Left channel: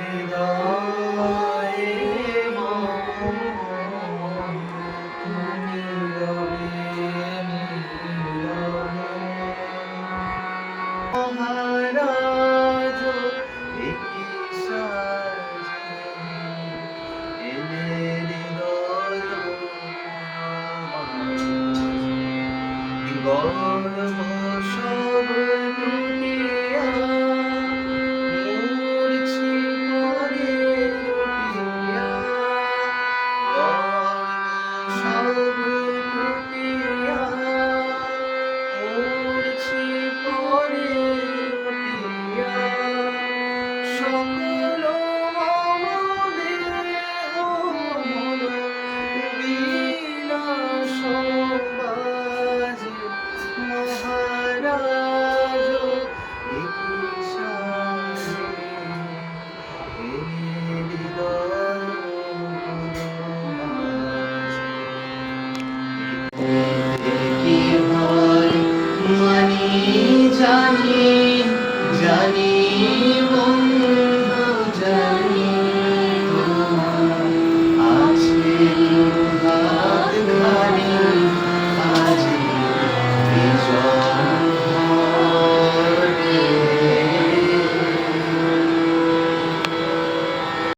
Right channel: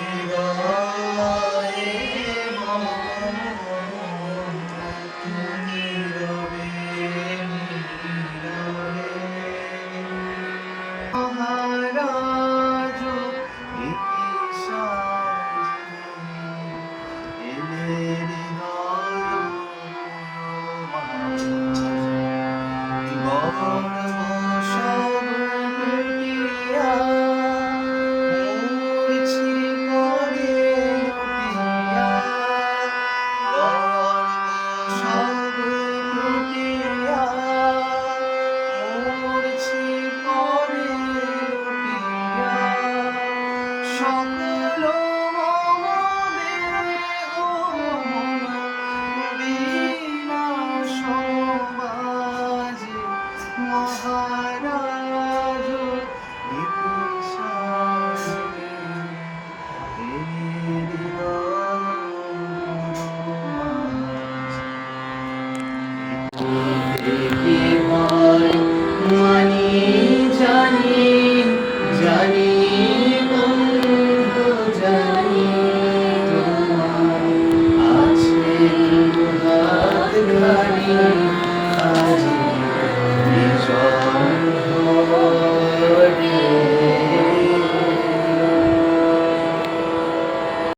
Shiva.